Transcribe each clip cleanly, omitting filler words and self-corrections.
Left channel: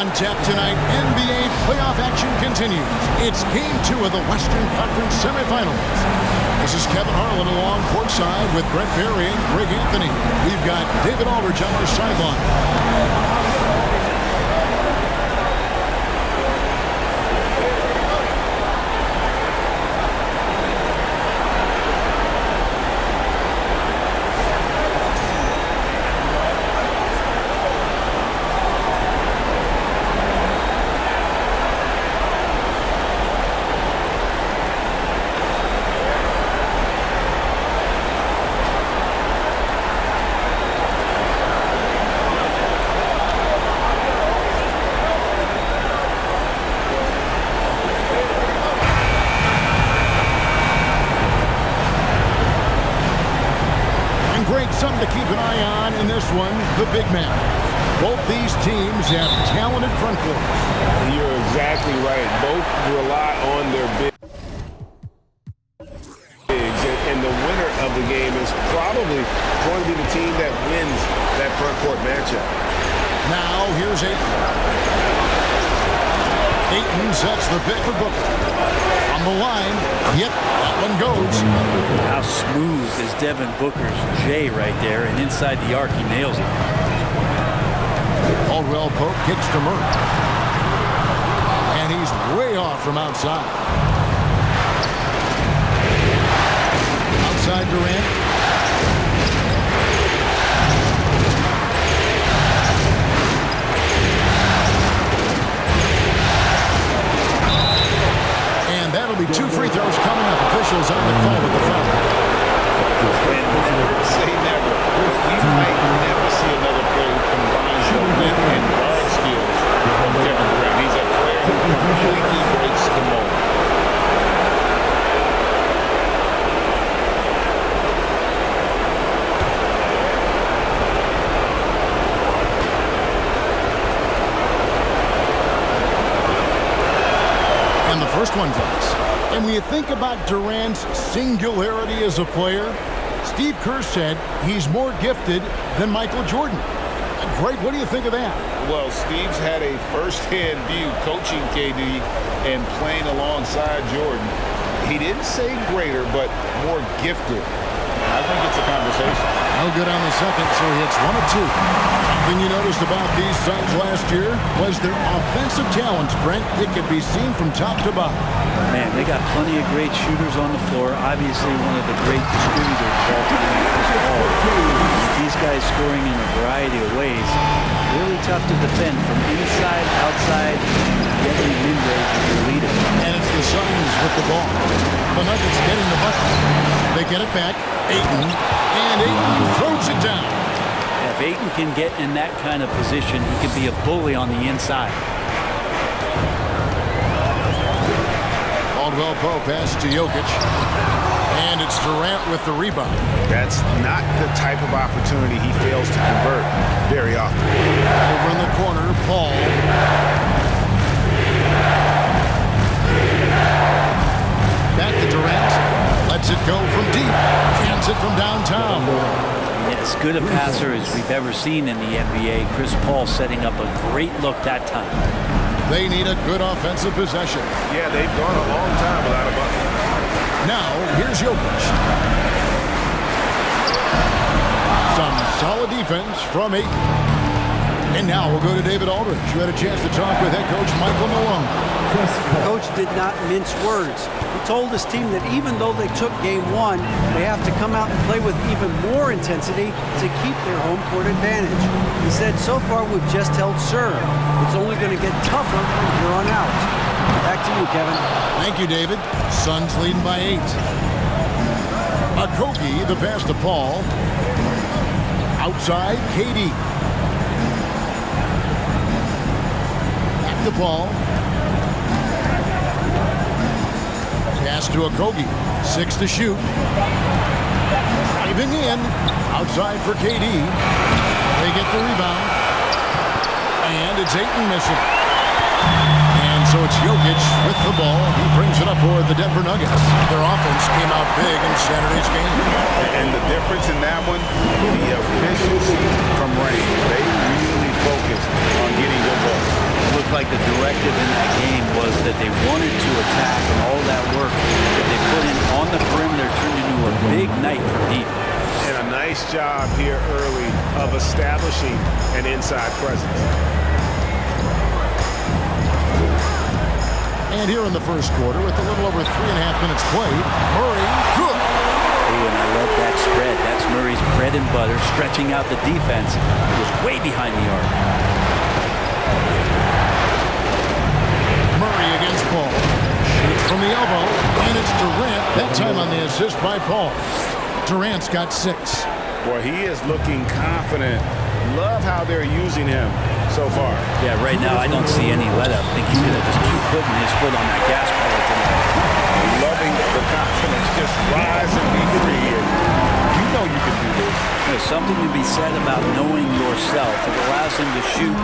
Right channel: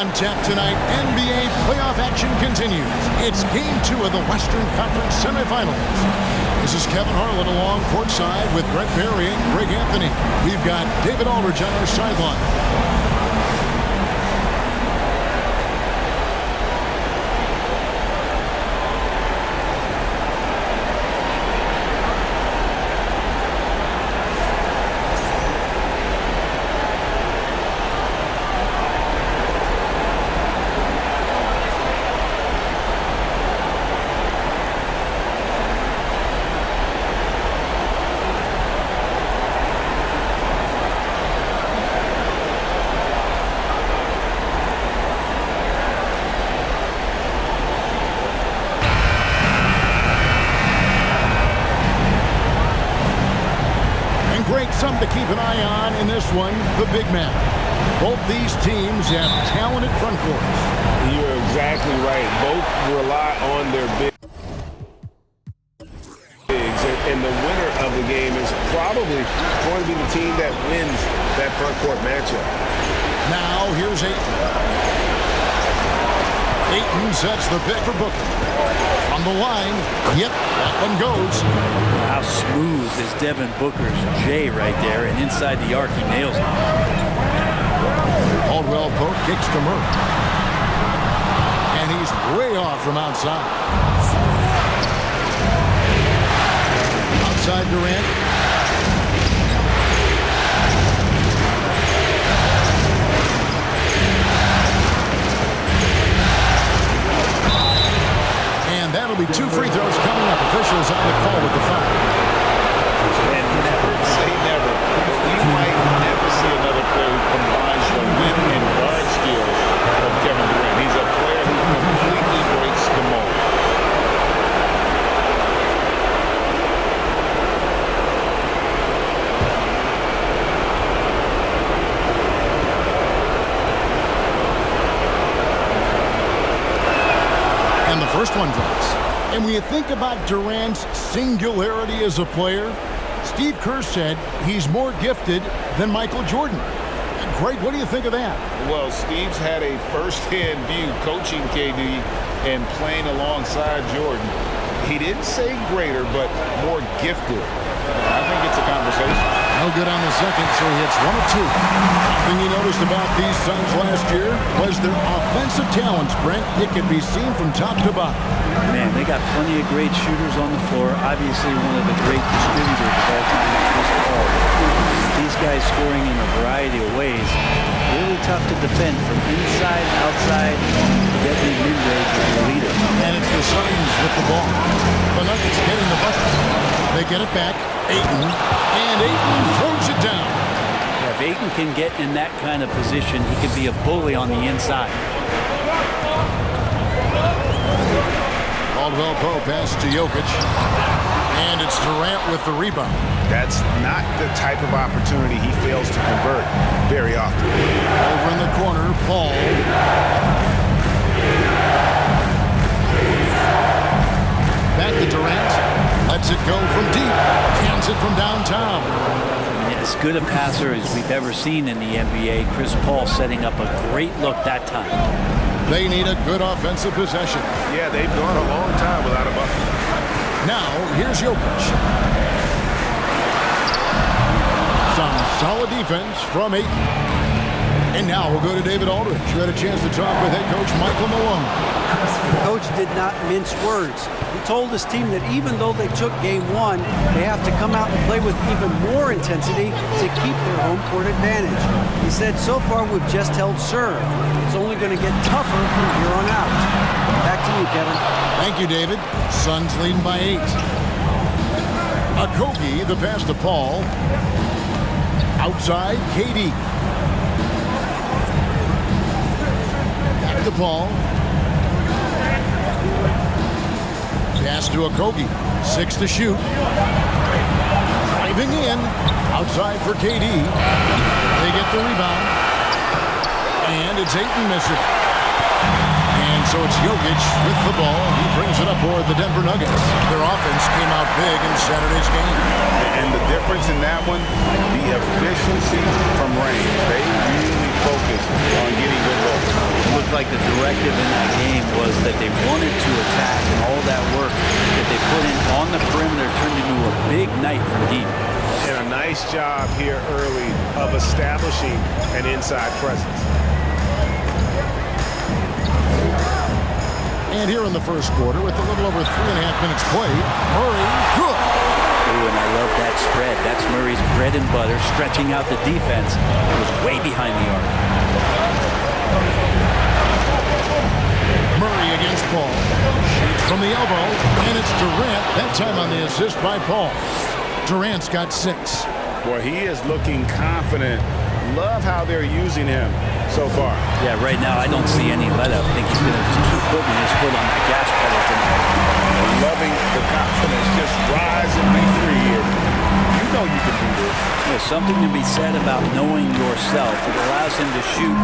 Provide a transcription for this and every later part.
On tap tonight, NBA playoff action continues. It's Game 2 of the Western Conference semifinals. This is Kevin Harlan along courtside with Brent Barry and Greg Anthony. We've got David Aldridge on our sideline. Greg, something to keep an eye on in this one, the big man. Both these teams have talented front courts. You're exactly right. Both rely on their bigs, and the winner of the game is probably going to be the team that wins that front court matchup. Now, here's Ayton. Ayton sets the pick for Booker. On the line, yep, that one goes. How smooth is Devin Booker's J right there, and inside the arc he nails it. Caldwell Pope kicks to Murray. And he's way off from outside. Outside Durant. And that'll be 2 free throws coming up. Officials on the call with the foul. And never say never, but we might never see another player who combines the length and guard skills of Kevin Durant. He's a player who completely breaks the mold. And the first one drops. And when you think about Durant's singularity as a player, Steve Kerr said he's more gifted than Michael Jordan. Greg, what do you think of that? Well, Steve's had a first-hand view coaching KD and playing alongside Jordan. He didn't say greater, but more gifted. I think it's a conversation. No good on the second, so he hits 1 of 2. Something you noticed about these Suns last year was their offensive talents, Brent. It could be seen from top to bottom. Man, they got plenty of great shooters on the floor. Obviously, one of the great distributors of all time in Chris Paul. These guys scoring in a variety of ways. Really tough to defend from inside, outside, deadly mid-range with your leader. And it's the Suns with the ball. The Nuggets getting the bucket. They get it back. Ayton. And Ayton throws it down. Yeah, if Ayton can get in that kind of position, he can be a bully on the inside. Caldwell Pope pass to Jokic. And it's Durant with the rebound. That's not the type of opportunity he fails to convert very often. Over in the corner, Paul. Back to Durant. Lets it go from deep. Cans it from downtown. I mean, as good a passer as we've ever seen in the NBA. Chris Paul setting up a great look that time. They need a good offensive possession. Yeah, they've gone a long time without a bucket. Now, here's Jokic. Some solid defense from Ayton. And now we'll go to David Aldridge, who had a chance to talk with head coach Michael Malone. The coach did not mince words. He told his team that even though they took game 1, they have to come out and play with even more intensity to keep their home court advantage. He said, so far we've just held serve. It's only going to get tougher from here on out. Back to you, Kevin. Thank you, David. Suns leading by 8. Okogie, the pass to Paul. Outside, KD. Back to Paul. Pass to Okogie. 6 to shoot. Driving in. Outside for KD. They get the rebound. And it's Ayton missing. And so it's Jokic with the ball. He brings it up for the Denver Nuggets. Their offense came out big in Saturday's game. And the difference in that one, the efficiency from range. They really focused on getting good looks. looked like the directive in that game was that they wanted to attack, and all that work that they put in on the perimeter turned into a big night from deep. And a nice job here early of establishing an inside presence. And here in the first quarter, with a little over 3.5 minutes played, Murray, good. Ooh, and I love that spread. That's Murray's bread and butter, stretching out the defense. It was way behind the arc. Murray against Paul. Shoots from the elbow, and it's Durant. That time on the assist by Paul. Durant's got 6. Boy, he is looking confident. Love how they're using him so far. Yeah, right now I don't see any let-up. I think he's going to just keep putting his foot on that gas pedal tonight. Loving the confidence. Just rise and be free. And you know you can do this. There's something to be said about knowing yourself. It allows him to shoot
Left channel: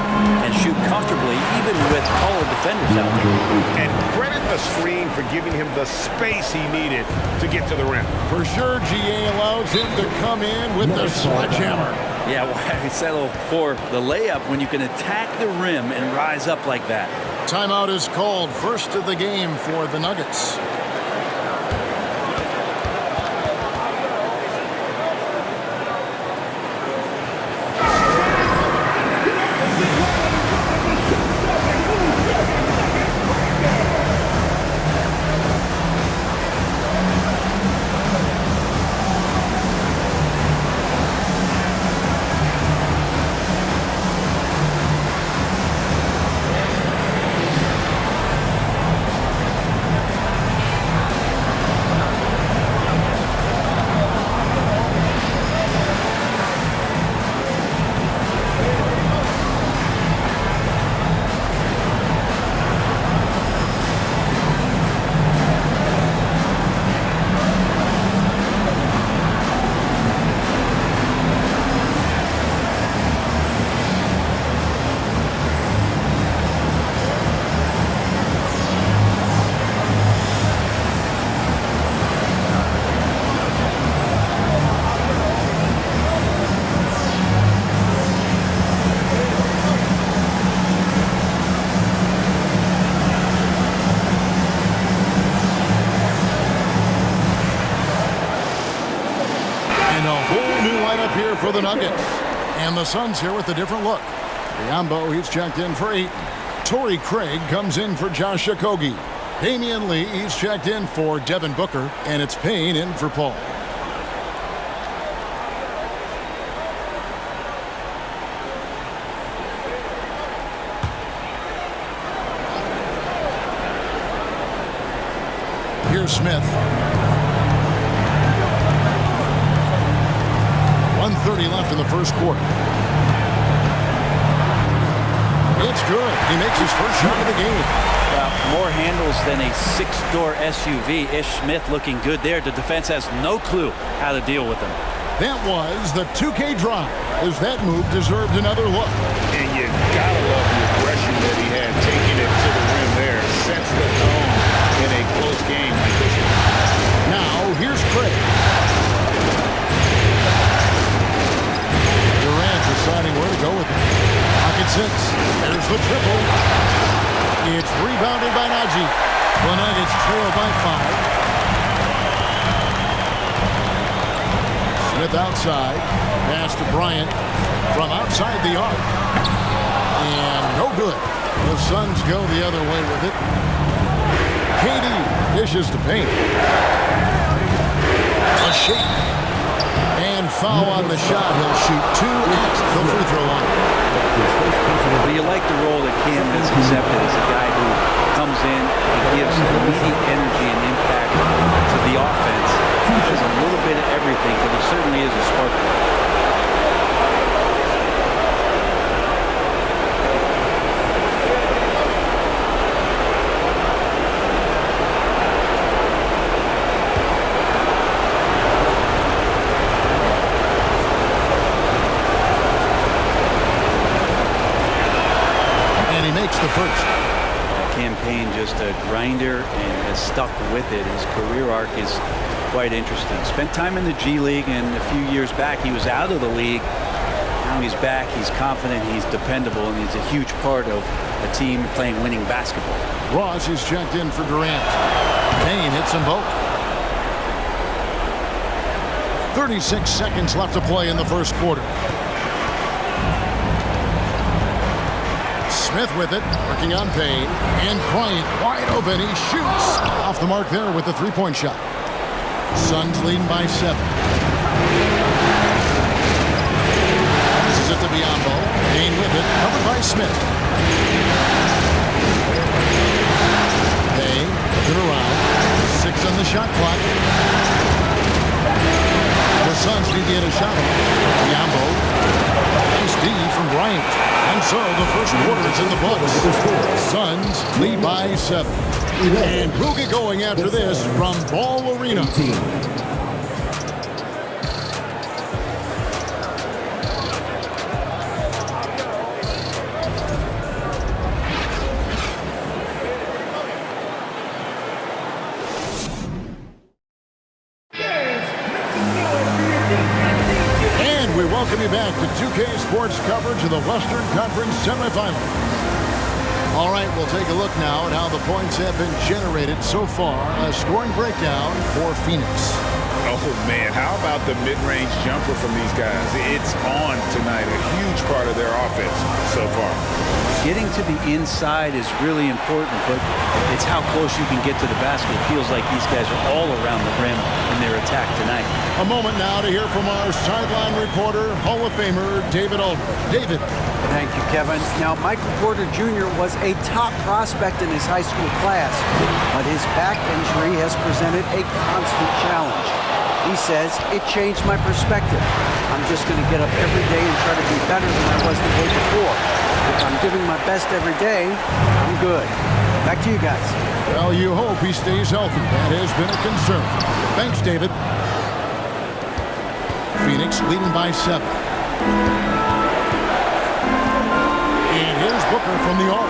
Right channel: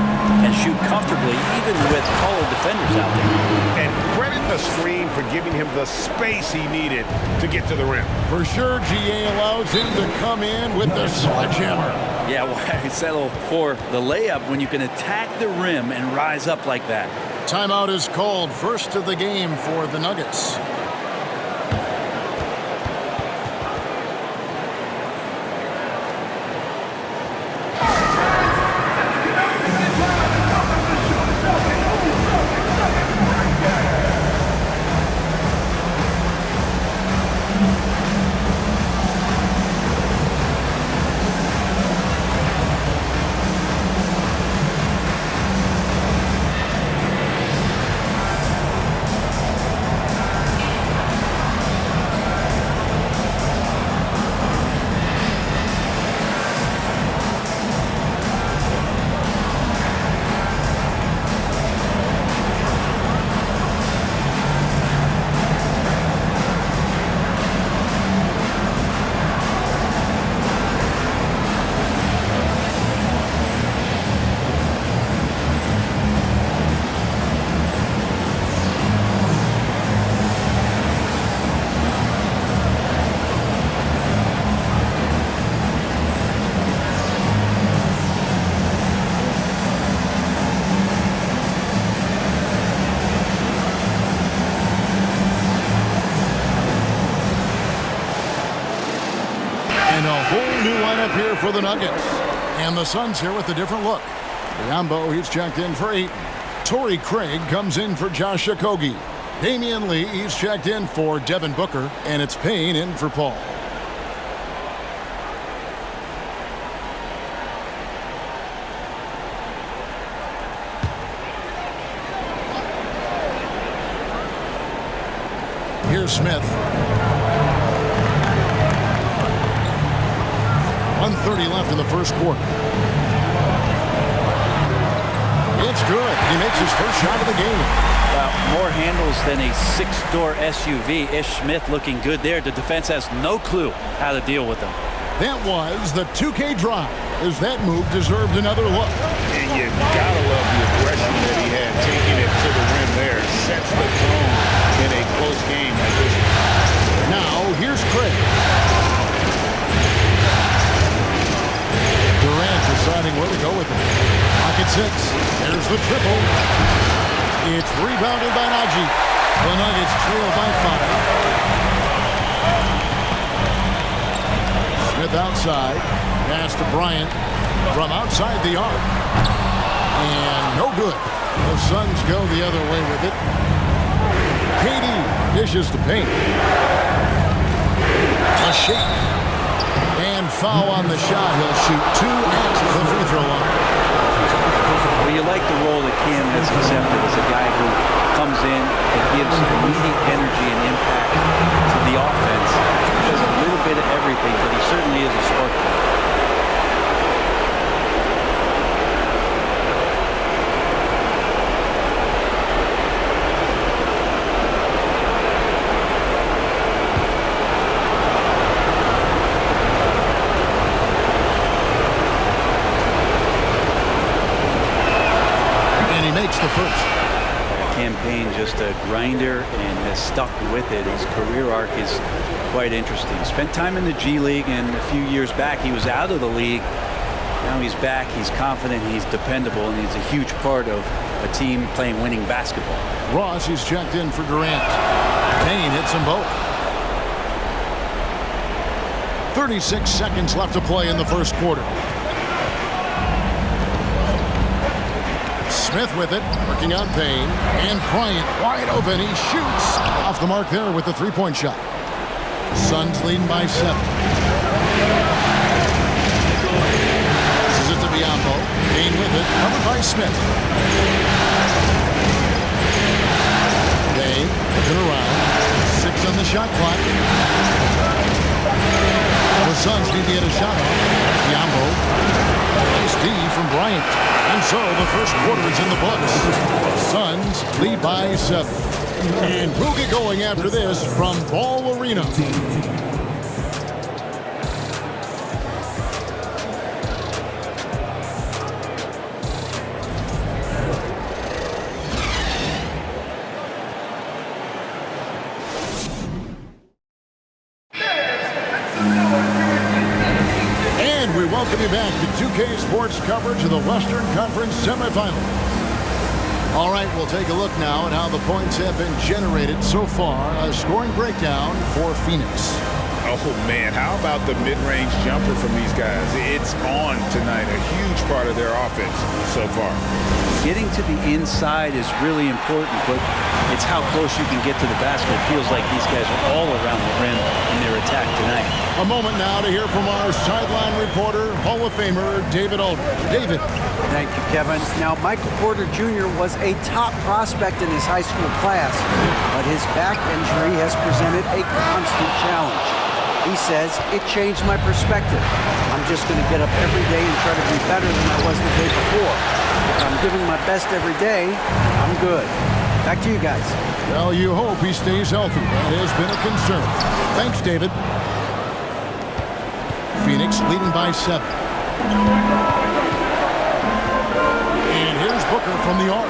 and shoot comfortably, even with taller defenders out there. And credit the screen for giving him the space he needed to get to the rim. For sure, GA allows him to come in with the sledgehammer. Yeah, why settle for the layup when you can attack the rim and rise up like that? Timeout is called. First of the game for the Nuggets. And a whole new lineup here for the Nuggets. And the Suns here with a different look. Biombo, he's checked in for Ayton. Torrey Craig comes in for Josh Okogie. Damian Lee, he's checked in for Devin Booker. And it's Payne in for Paul. Here's Smith. 1:30 left in the first quarter. It's good. He makes his first shot of the game. Well, more handles than a 6-door SUV. Ish Smith looking good there. The defense has no clue how to deal with him. That was the 2K drive, as that move deserved another look. And you gotta love the aggression that he had taking it to the rim there. Sets the tone in a close game like this one. Now, here's Craig. Durant deciding where to go with it. Pocket 6. There's the triple. It's rebounded by Najee. The Nuggets trail by 5. Smith outside. Pass to Bryant from outside the arc. And no good. The Suns go the other way with it. KD dishes to Payne. A shake. And foul on the shot. He'll shoot 2 at the free throw line. Well, you like the role that Cam has accepted as a guy who comes in and gives immediate energy and impact to the offense. He does a little bit of everything, but he certainly is a spark plug. Makes the first. Campaign just a grinder and has stuck with it. His career arc is quite interesting. Spent time in the G League, and a few years back he was out of the league. Now he's back. He's confident. He's dependable, and he's a huge part of a a team playing winning basketball. Ross is checked in for Durant. Payne hits them both. 36 seconds left to play in the first quarter. Smith with it, working on Payne. And Bryant wide open. He shoots. Off the mark there with the three-point shot. Suns leading by 7. This is it to Biyombo. Payne with it, covered by Smith. Payne looking around. 6 on the shot clock. The Suns need to get a shot off. Biyombo. Nice D from Bryant. And so the first quarter is in the books. Suns lead by 7. And we'll get going after this from Ball Arena. We welcome you back to 2K Sports coverage of the Western Conference semifinals. All right, we'll take a look now at how the points have been generated so far. A scoring breakdown for Phoenix. Oh, man, how about the mid-range jumper from these guys? It's on tonight, a huge part of their offense so far. Getting to the inside is really important, but it's how close you can get to the basket. It feels like these guys are all around the rim in their attack tonight. A moment now to hear from our sideline reporter, Hall of Famer David Aldridge. David. Thank you, Kevin. Now, Michael Porter Jr. was a top prospect in his high school class, but his back injury has presented a constant challenge. He says, it changed my perspective. I'm just going to get up every day and try to be better than I was the day before. If I'm giving my best every day, I'm good. Back to you guys. Well, you hope he stays healthy. That has been a concern. Thanks, David. Phoenix leading by 7. And here's Booker from the arc.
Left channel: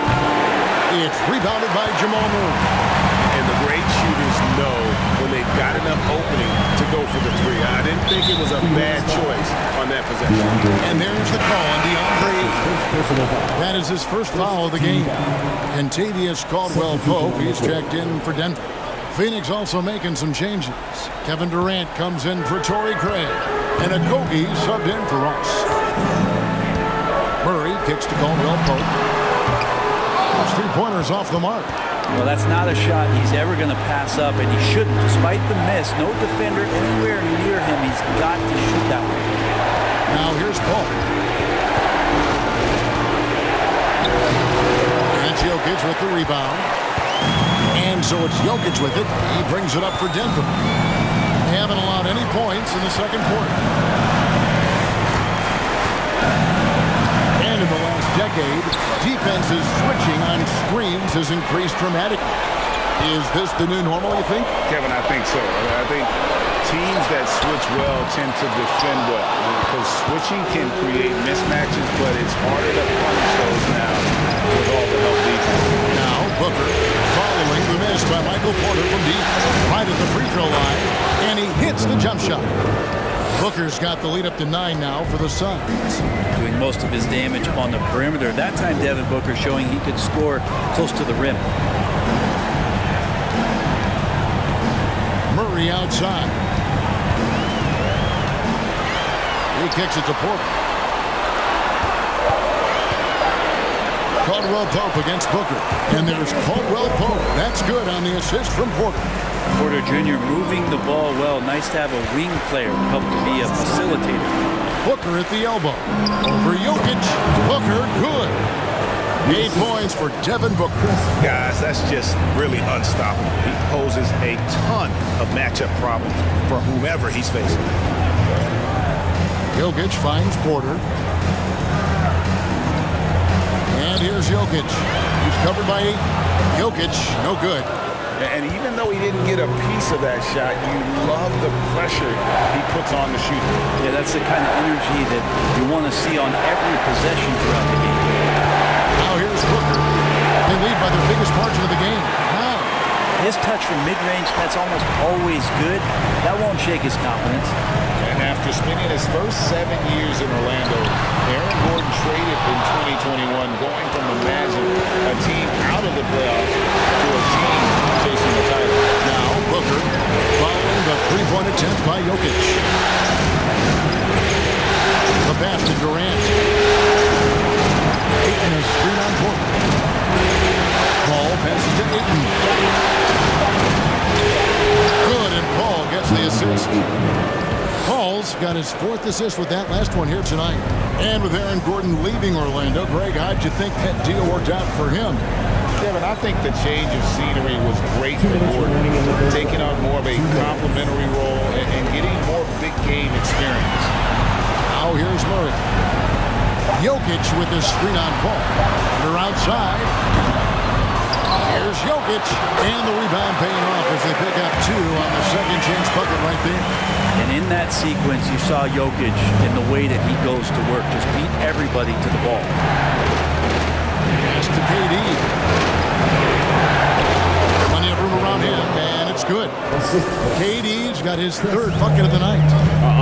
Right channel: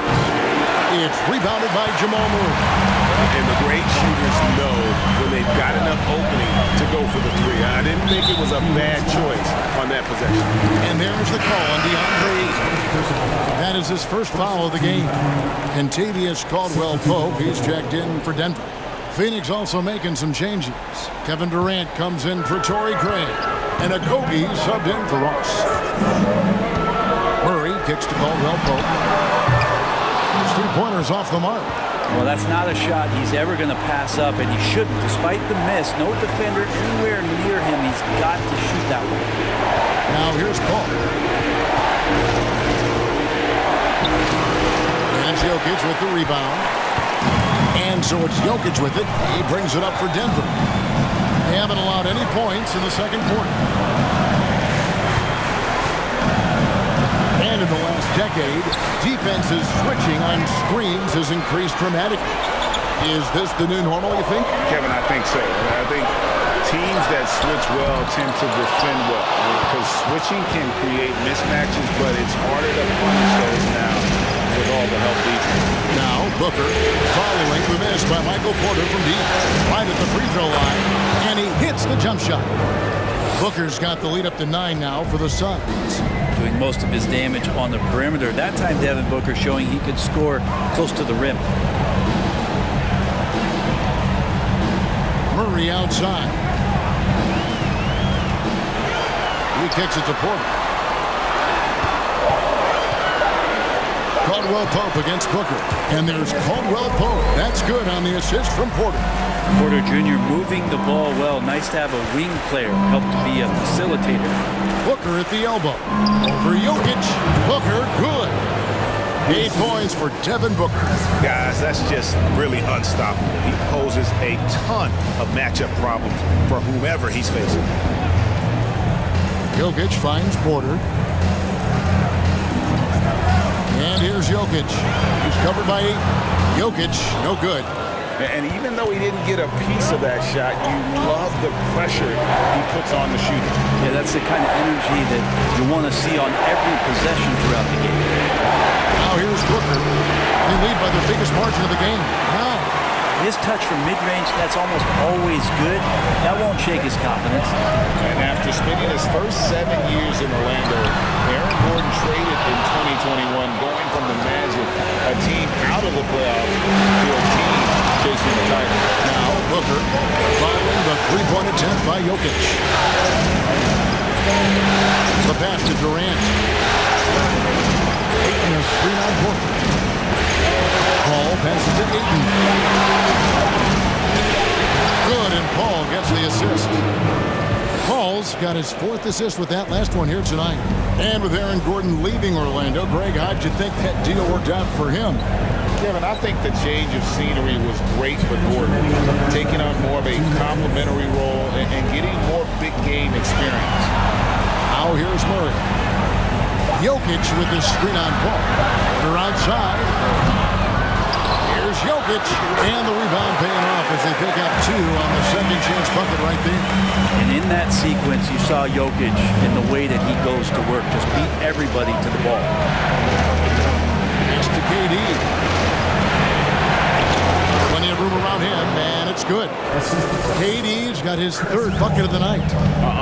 It's rebounded by Jamal Murray. And the great shooters know when they've got enough opening to go for the three. I didn't think it was a bad choice on that possession. And there's the call on DeAndre Ayton. That is his first foul of the game. Kentavious Caldwell-Pope, he's checked in for Denver. Phoenix also making some changes. Kevin Durant comes in for Torrey Craig. And Okogie subbed in for Ross. Murray kicks to Caldwell-Pope. His three-pointers off the mark. Well, that's not a shot he's ever going to pass up, and he shouldn't. Despite the miss, no defender anywhere near him. He's got to shoot that one. Now here's Paul. And Jokic with the rebound. And so it's Jokic with it. He brings it up for Denver. They haven't allowed any points in the second quarter. And in the last decade, defenses switching on screens has increased dramatically. Is this the new normal, you think? Kevin, I think so. I think teams that switch well tend to defend well because switching can create mismatches, but it's harder to punish those now with all the help defense. Now Booker following the miss by Michael Porter from deep, right at the free throw line, and he hits the jump shot. Booker's got the lead up to 9 now for the Suns. Doing most of his damage on the perimeter. That time, Devin Booker showing he could score close to the rim. Murray outside. He kicks it to Porter. Caldwell-Pope against Booker. And there's Caldwell-Pope. That's good on the assist from Porter. Porter Jr. moving the ball well. Nice to have a wing player help to be a facilitator. Booker at the elbow. Over Jokic. Booker, good. 8 points for Devin Booker. Guys, that's just really unstoppable. He poses a ton of matchup problems for whomever he's facing. Jokic finds Porter. And here's Jokic. He's covered by 8. Jokic, no good. And even though he didn't get a piece of that shot, you love the pressure he puts on the shooter. Yeah, that's the kind of energy that you want to see on every possession throughout the game. Now here's Booker. They lead by their biggest margin of the game, 9. His touch from mid-range, that's almost always good. That won't shake his confidence. And after spending his first 7 years in Orlando, Aaron Gordon traded in 2021, going from the Magic, a team out of the playoffs, to a team chasing the title. Now Booker following the three-point attempt by Jokic. The pass to Durant. Ayton a screen on Porter. Paul passes to Ayton. Good, and Paul gets the assist. Paul's got his 4th assist with that last one here tonight. And with Aaron Gordon leaving Orlando, Greg, how'd you think that deal worked out for him? Kevin, I think the change of scenery was great for Gordon, taking on more of a complimentary role and getting more big game experience. Now here's Murray. Jokic with his screen on Paul. Under outside. Here's Jokic, and the rebound paying off as they pick up 2 on the second chance bucket right there. And in that sequence, you saw Jokic in the way that he goes to work, just beat everybody to the ball. Pass to KD. Plenty of room around him, and it's good. KD's got his 3rd bucket of the night.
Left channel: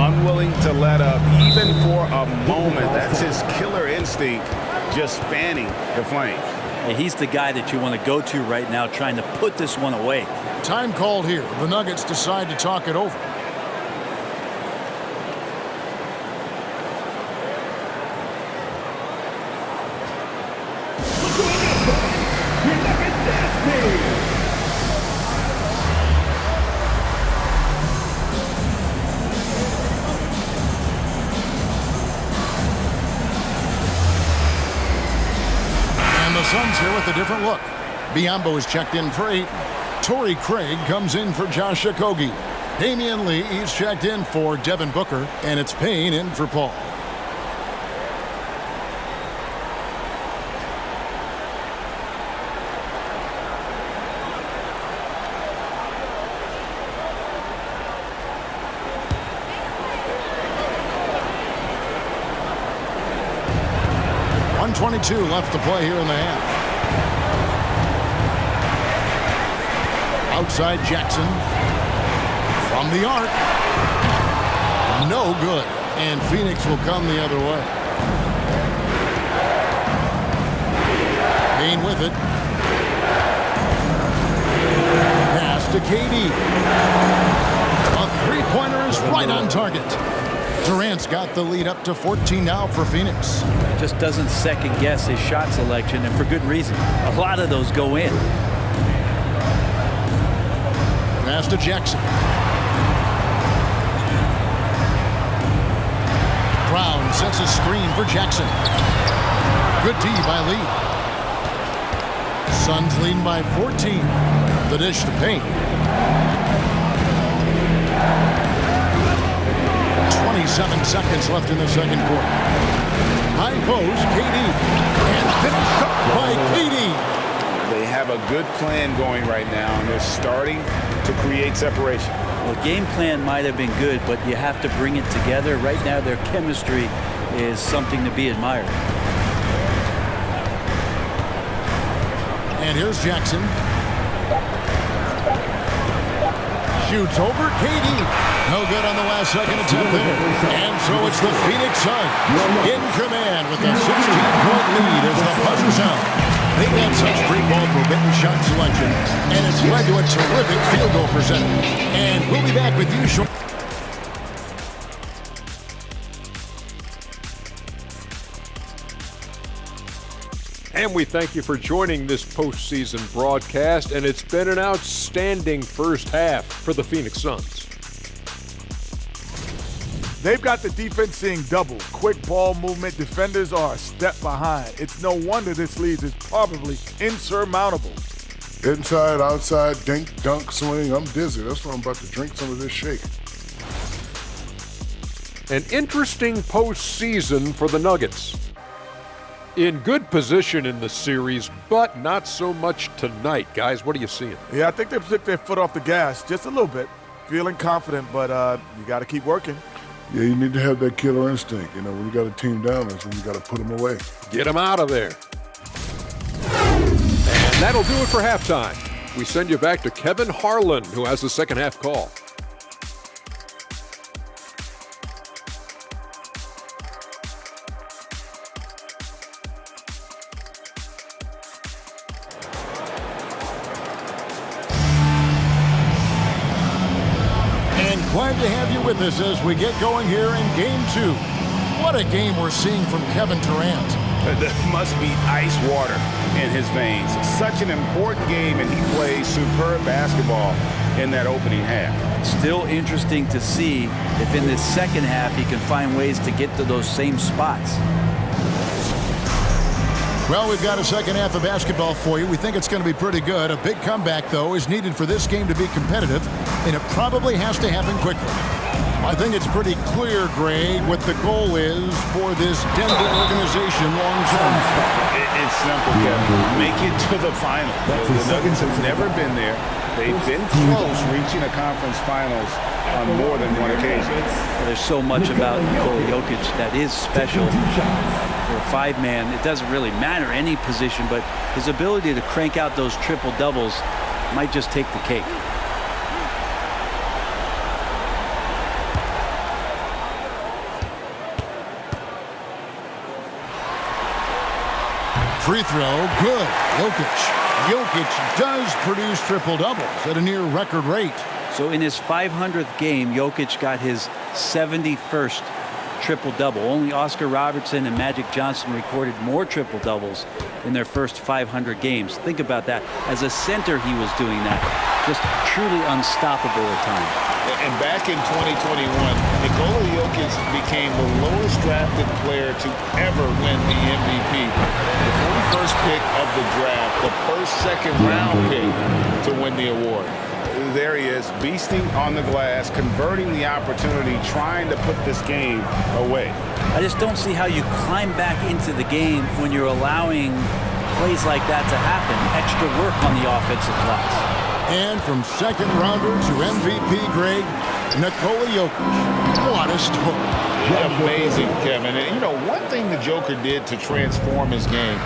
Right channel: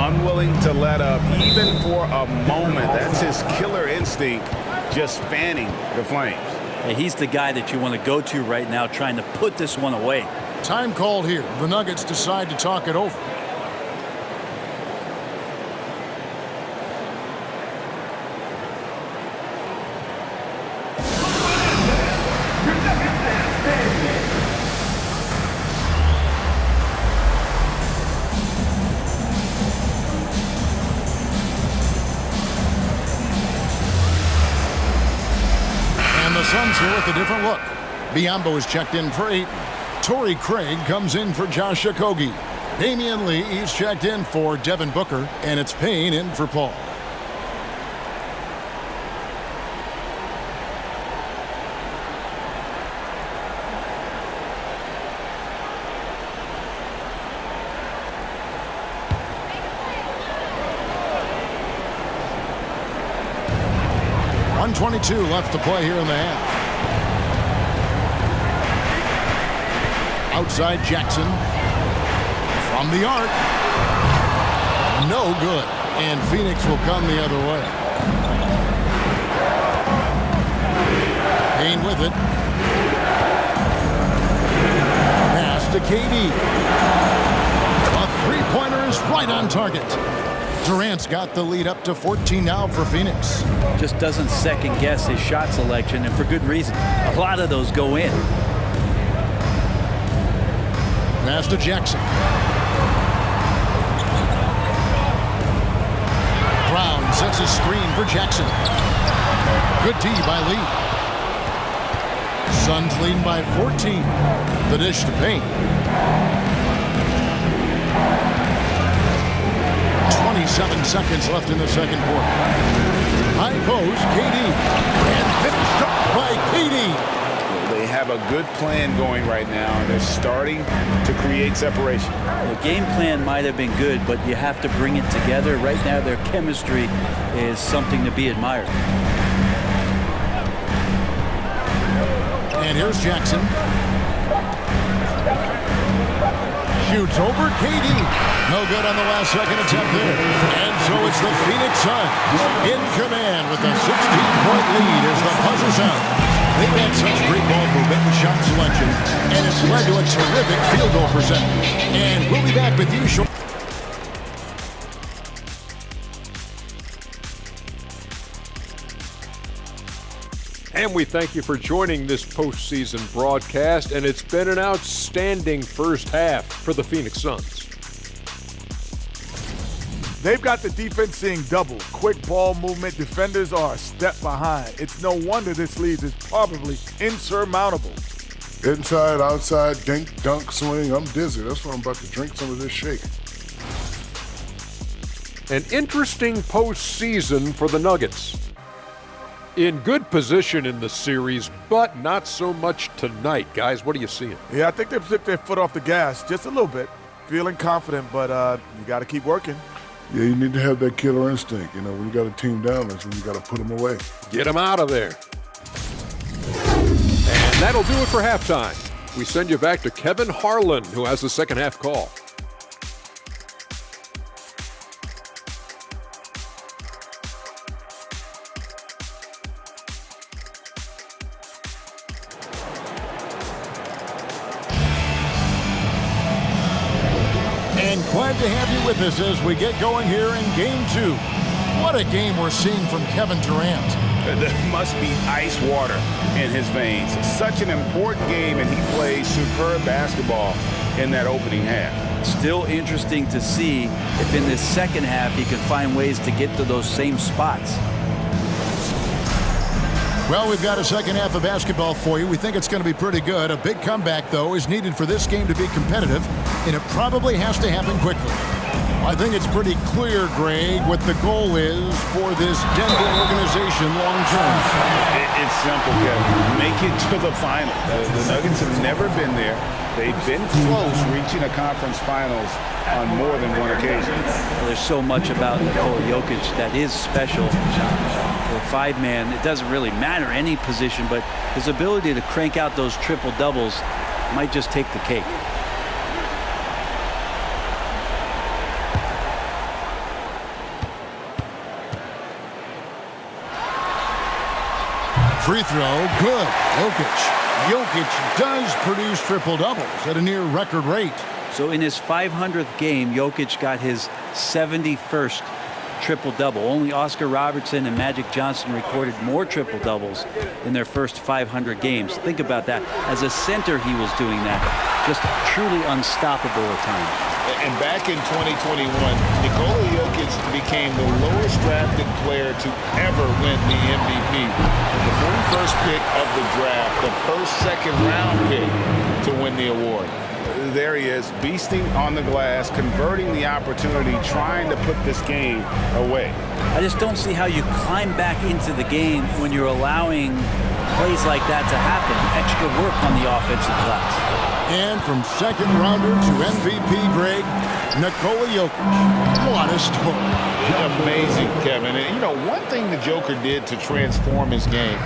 Unwilling to let up, even for a moment. That's his killer instinct, just fanning the flames. Hey, he's the guy that you want to go to right now, trying to put this one away. Time called here. The Nuggets decide to talk it over. And the Suns here with a different look. Biyombo is checked in for Ayton. Torrey Craig comes in for Josh Okogie. Damian Lee is checked in for Devin Booker. And it's Payne in for Paul. .122 left to play here in the half. Outside Jackson. From the arc. No good. And Phoenix will come the other way. Payne with it. Pass to KD. A three-pointer is right on target. Durant's got the lead up to 14 now for Phoenix. Just doesn't second guess his shot selection, and for good reason. A lot of those go in. Pass to Jackson. Brown sets a screen for Jackson. Good D by Lee. Suns leading by 14. The dish to Payne. 27 seconds left in the second quarter. High post, KD. And finished up by KD. They have a good plan going right now, and they're starting to create separation. Well, the game plan might have been good, but you have to bring it together. Right now, their chemistry is something to be admired. And here's Jackson. Shoots over KD. No good on the last second attempt there. And so it's the Phoenix Suns in command with a 16-point lead as the buzzer sounds. They've had such great ball movement and shot selection, and it's led to a terrific field goal percentage. And we'll be back with you shortly. And we thank you for joining this postseason broadcast, and it's been an outstanding first half for the Phoenix Suns. They've got the defense seeing double. Quick ball movement. Defenders are a step behind. It's no wonder this lead is probably insurmountable. Inside, outside, dink, dunk, swing. I'm dizzy. That's why I'm about to drink some of this shake. An interesting postseason for the Nuggets. In good position in the series, but not so much tonight. Guys, what are you seeing? Yeah, I think they took their foot off the gas just a little bit. Feeling confident, but you got to keep working. Yeah, you need to have that killer instinct. You know, when you got a team down, that's when you got to put them away. Get them out of there. And that'll do it for halftime. We send you back to Kevin Harlan, who has the second half call. And glad to have you with us as we get going here in Game 2. What a game we're seeing from Kevin Durant. There must be ice water in his veins. Such an important game, and he plays superb basketball in that opening half. Still interesting to see if in this second half he can find ways to get to those same spots. Well, we've got a second half of basketball for you. We think it's going to be pretty good. A big comeback, though, is needed for this game to be competitive, and it probably has to happen quickly. I think it's pretty clear, Greg, what the goal is for this Denver organization long term. It's simple, Kevin. Make it to the finals. The Nuggets have never been there. They've been close reaching a conference finals on more than one occasion. There's so much about Nikola Jokic that is special. For a five-man, it doesn't really matter any position, but his ability to crank out those triple-doubles might just take the cake. Free throw, good. Jokic does produce triple-doubles at a near record rate. So in his 500th game, Jokic got his 71st triple-double. Only Oscar Robertson and Magic Johnson recorded more triple-doubles in their first 500 games. Think about that. As a center, he was doing that. Just truly unstoppable at times. And back in 2021, Nikola Jokic became the lowest drafted player to ever win the MVP. The 41st pick of the draft, the first second-round pick to win the award. There he is, beasting on the glass, converting the opportunity, trying to put this game away. I just don't see how you climb back into the game when you're allowing plays like that to happen. Extra work on the offensive glass. And from second rounder to MVP, Greg, Nikola Jokic. What a story. Amazing, Kevin. And, you know, one thing the Joker did to transform his game,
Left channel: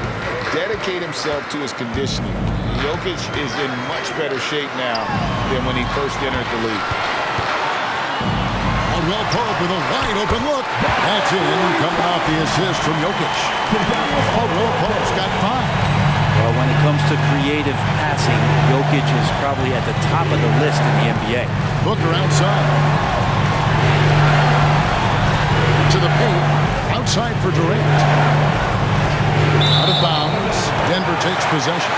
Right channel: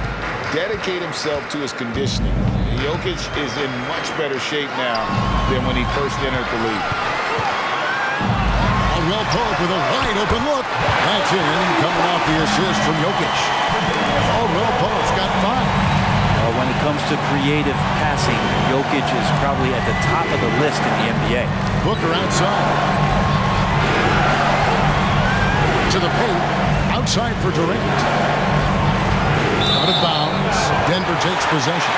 dedicate himself to his conditioning. Jokic is in much better shape now than when he first entered the league. Caldwell Pope with a wide-open look. That's in, coming off the assist from Jokic. Caldwell Pope's got 5. Well, when it comes to creative passing, Jokic is probably at the top of the list in the NBA. Booker outside. To the paint. Outside for Durant. Out of bounds. Denver takes possession.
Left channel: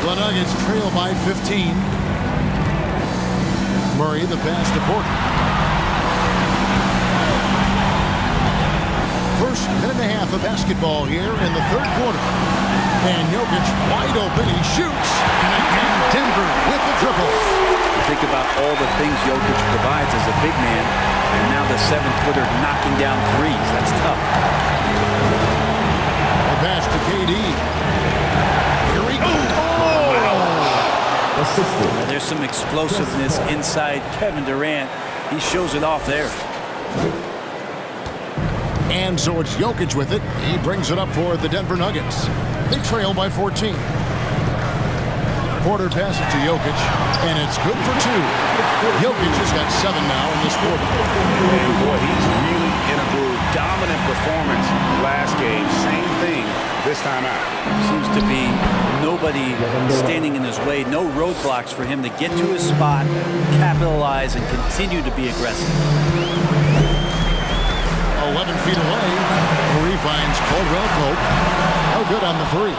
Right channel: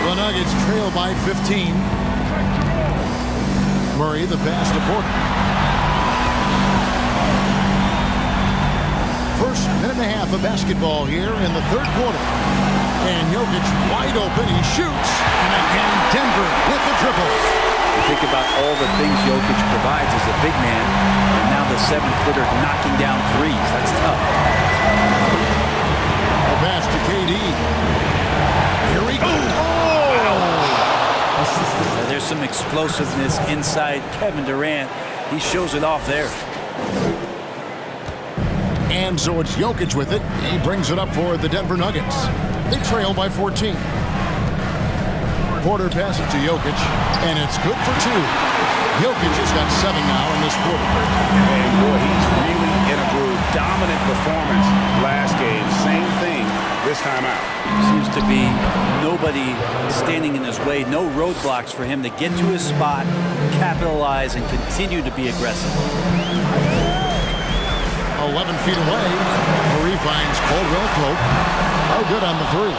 The Nuggets trail by 15. Murray, the pass to Porter. First minute and a half of basketball here in the third quarter. And Jokic wide open. He shoots. And again, Denver with the triple. You think about all the things Jokic provides as a big man, and now the 7-footer knocking down threes. That's tough. A pass to KD. Here we go. Oh! Now, there's some explosiveness inside Kevin Durant. He shows it off there. And so it's Jokic with it. He brings it up for the Denver Nuggets. They trail by 14. Porter passes to Jokic, and it's good for 2. Jokic has got 7 now in this quarter. And boy, he's really in a groove. Dominant performance last game. Same thing this time out. Seems to be nobody standing in his way. No roadblocks for him to get to his spot, capitalize, and continue to be aggressive. 11 feet away. Murray finds Caldwell Pope. No good on the 3.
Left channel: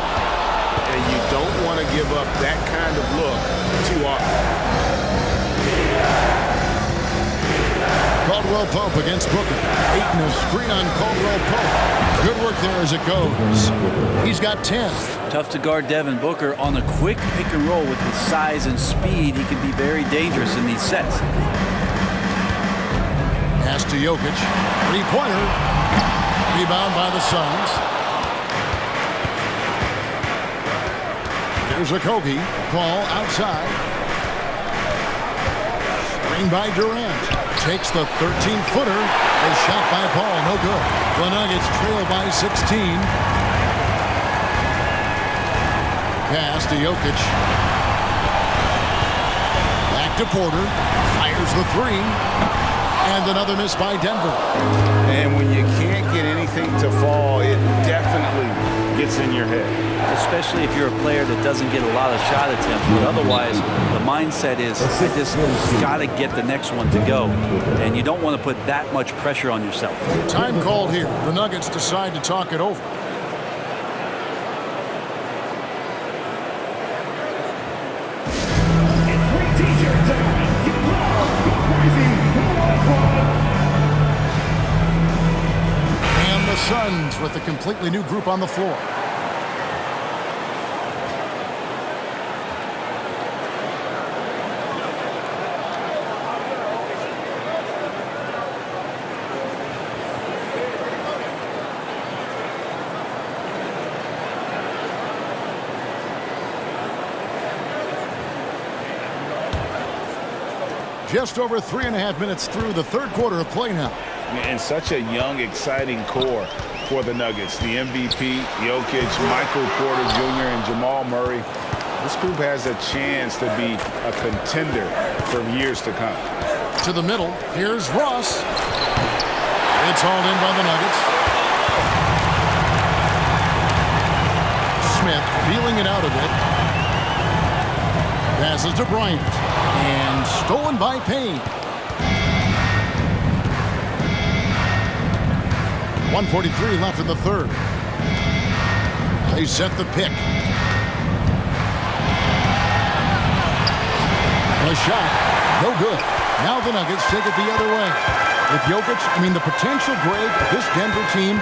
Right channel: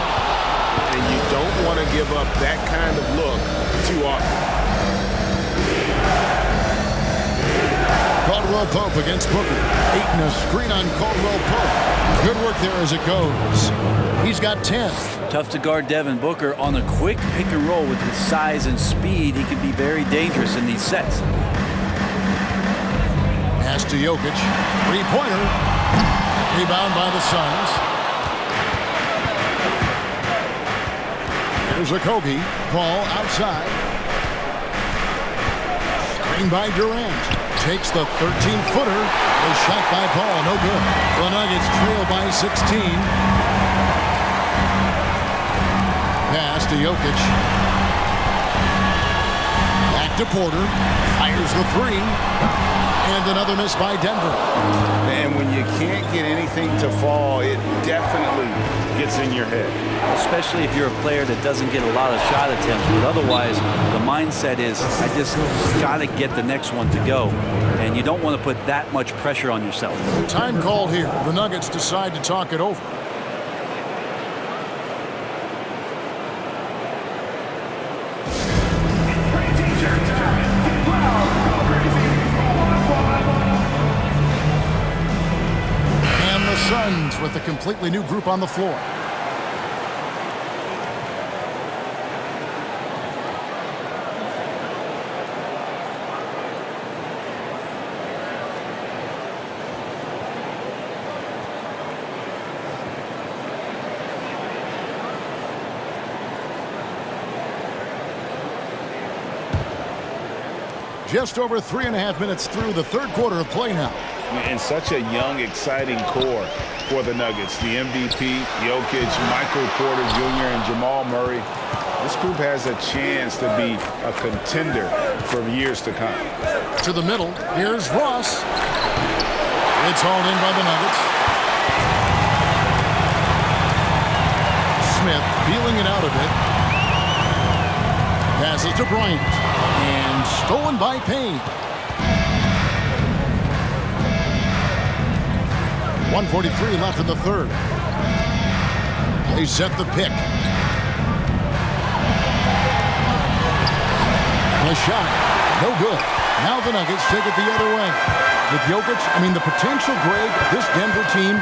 And you don't want to give up that kind of look too often. Caldwell Pope against Booker. Ayton a screen on Caldwell Pope. Good work there as it goes. He's got 10. Tough to guard Devin Booker on a quick pick and roll with his size and speed. He can be very dangerous in these sets. Pass to Jokic. 3-pointer. Rebound by the Suns. Here's a Kogi. Paul outside. Screen by Durant. takes the 13-footer. A shot by Paul, no good. The Nuggets trail by 16. Pass to Jokic. Back to Porter. Fires the three. And another miss by Denver. And when you can't get anything to fall, it definitely gets in your head. Especially if you're a player that doesn't get a lot of shot attempts, but otherwise the mindset is, I just got to get the next one to go. And you don't want to put that much pressure on yourself. Time called here. The Nuggets decide to talk it over. And the Suns with a completely new group on the floor. Just over 3.5 minutes through the third quarter of play now. And such a young, exciting core for the Nuggets. The MVP, Jokic, Michael Porter Jr., and Jamal Murray. This group has a chance to be a contender for years to come. To the middle, here's Ross. It's hauled in by the Nuggets. Smith feeling it out a bit. Passes to Bryant. And stolen by Payne. 1:43 left in the third. They set the pick. The shot, no good. Now the Nuggets take it the other way. With Jokic, the potential, Greg, of this Denver team,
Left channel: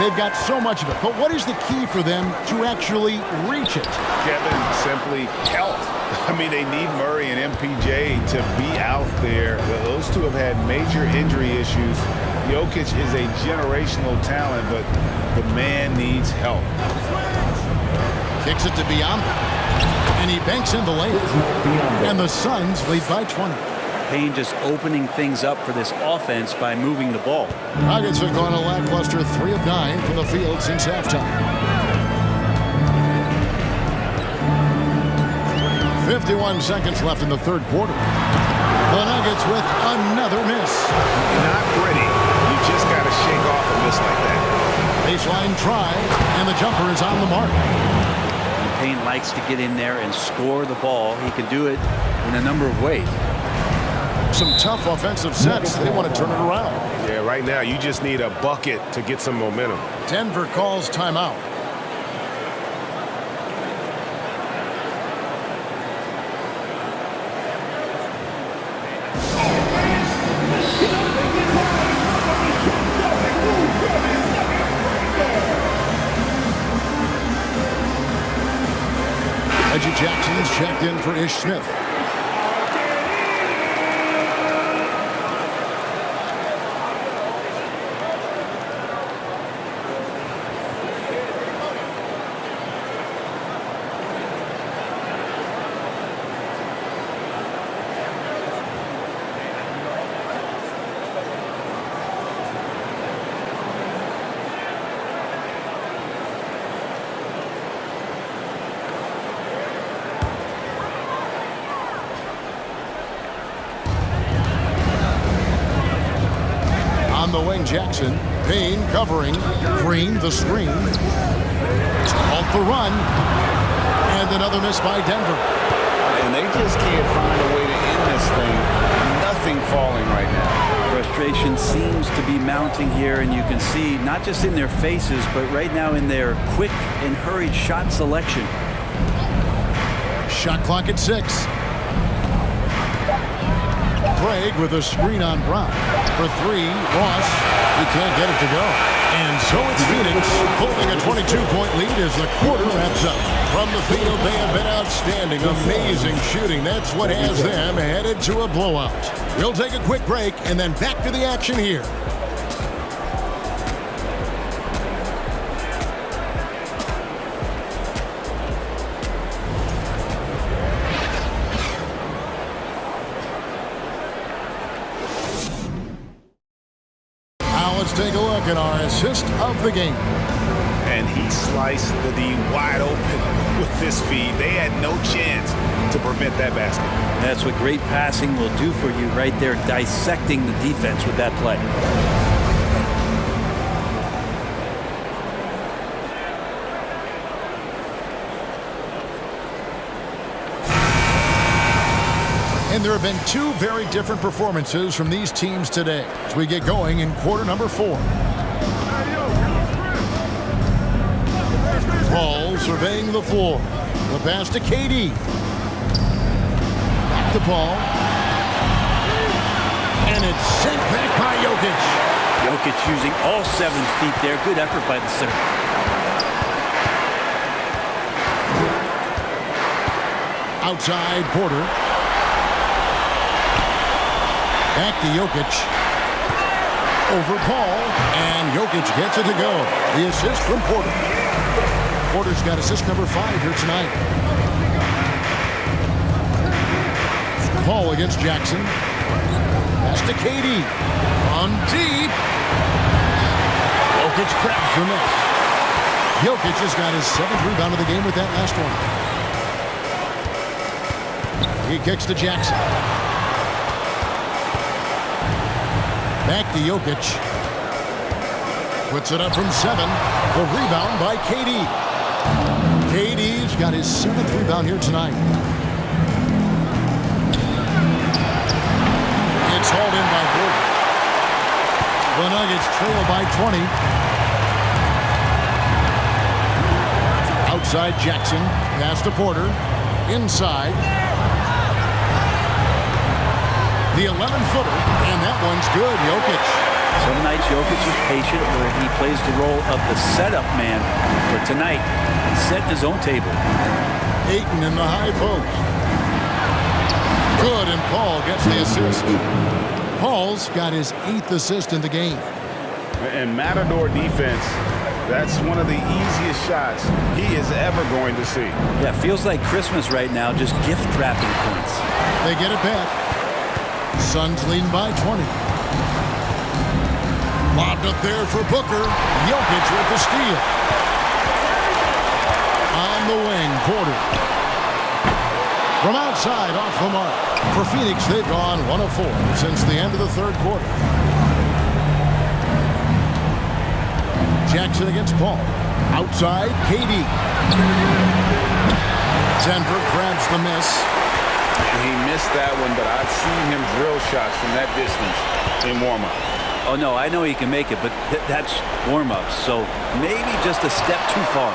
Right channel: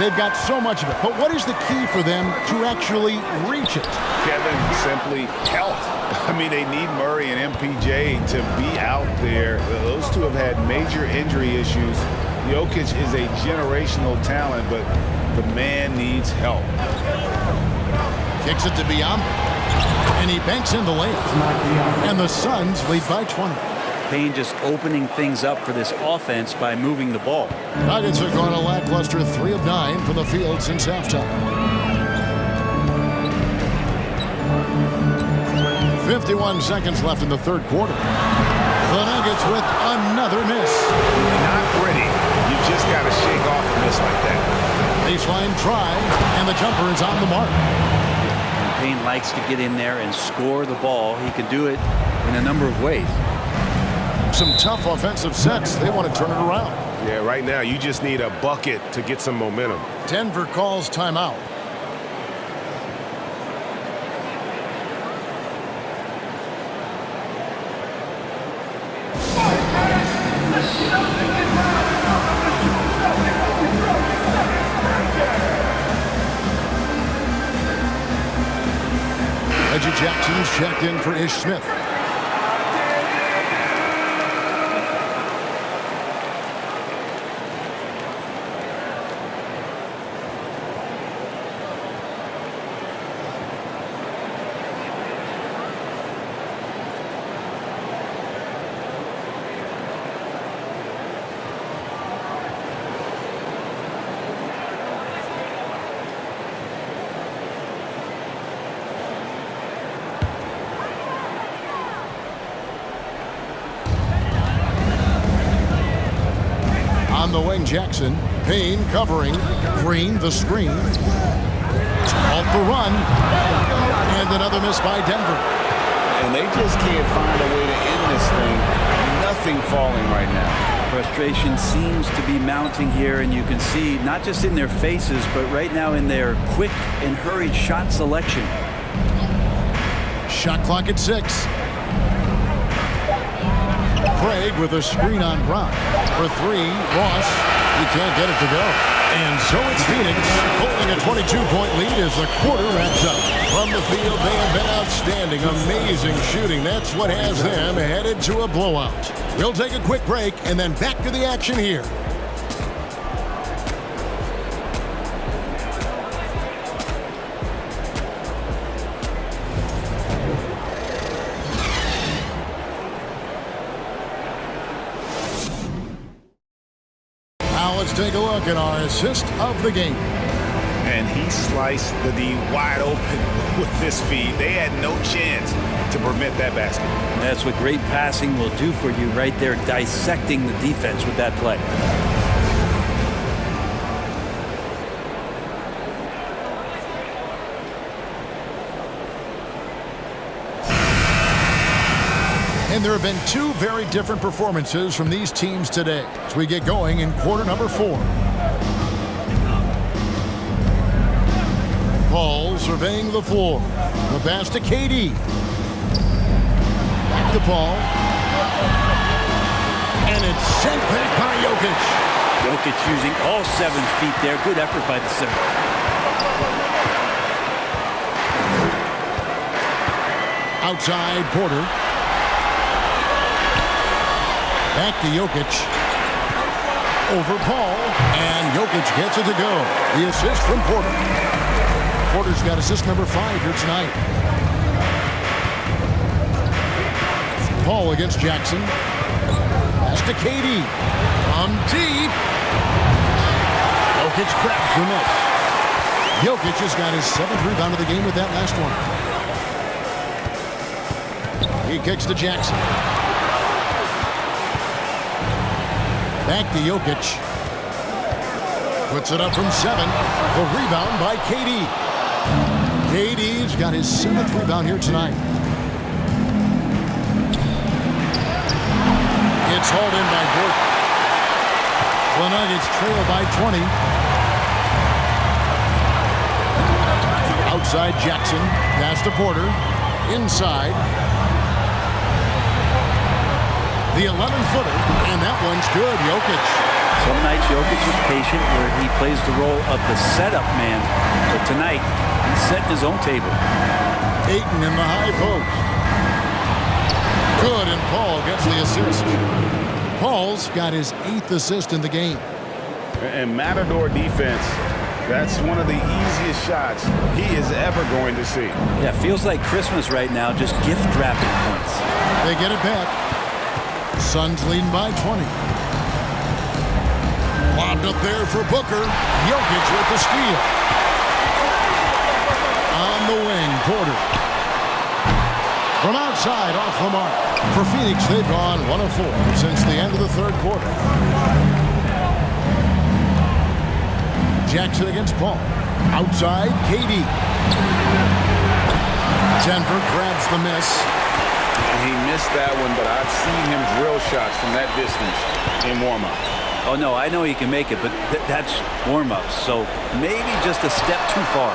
they've got so much of it. But what is the key for them to actually reach it? Kevin, simply health. They need Murray and MPJ to be out there. Those two have had major injury issues. Jokic is a generational talent, but the man needs help. Kicks it to Biyombo. And he banks in the layup. And the Suns lead by 20. Payne just opening things up for this offense by moving the ball. Nuggets have gone a lackluster 3 of 9 from the field since halftime. 51 seconds left in the third quarter. The Nuggets with another miss. Not pretty. You just got to shake off a miss like that. Baseline try, and the jumper is on the mark. And Payne likes to get in there and score the ball. He can do it in a number of ways. Some tough offensive sets. They want to turn it around. Yeah, right now you just need a bucket to get some momentum. Denver calls timeout. Reggie Jackson's checked in for Ish Smith. On the wing, Jackson. Payne covering. Green the screen. To halt the run. And another miss by Denver. And they just can't find a way to end this thing. Nothing falling right now. Frustration seems to be mounting here, and you can see not just in their faces, but right now in their quick and hurried shot selection. Shot clock at 6. Craig with a screen on Brown. For 3, Ross. He can't get it to go. And so it's Phoenix holding a 22-point lead as the quarter wraps up. From the field, they have been outstanding. Amazing shooting. That's what has them headed to a blowout. We'll take a quick break and then back to the action here. Now let's take a look at our assist of the game. And he sliced the D wide open with this feed. They had no chance to prevent that basket. That's what great passing will do for you right there, dissecting the defense with that play. And there have been two very different performances from these teams today as we get going in quarter number 4. Paul surveying the floor. The pass to KD. Back to Paul. And it's sent back by Jokic. Jokic using all 7 feet there. Good effort by the center. Outside Porter. Back to Jokic. Over Paul. And Jokic gets it to go. The assist from Porter. Porter's got assist number 5 here tonight. Paul against Jackson. Pass to KD. From deep. Jokic grabs the miss. Jokic has got his 7th rebound of the game with that last one. He kicks to Jackson. Back to Jokic. Puts it up from 7. The rebound by KD. KD's got his 7th rebound here tonight. It's hauled in by Gordon. The Nuggets trail by 20. Outside Jackson. Pass to Porter. Inside. The 11-footer. And that one's good. Jokic. Some nights Jokic is patient where he plays the role of the setup man. But tonight, he's setting his own table. Ayton in the high post. Good, and Paul gets the assist. Paul's got his 8th assist in the game. And Matador defense, that's one of the easiest shots he is ever going to see. Yeah, feels like Christmas right now, just gift wrapping points. They get it back. Suns leading by 20. Lobbed up there for Booker. Jokic with the steal. On the wing, Porter. From outside, off the mark. For Phoenix, they've gone 1 of 4 since the end of the 3rd quarter. Jackson against Paul. Outside, KD. Denver grabs the miss. He missed that one, but I've seen him drill shots from that distance in warm-up. Oh, no, I know he can make it, but that's warm-ups, so maybe just a step too far.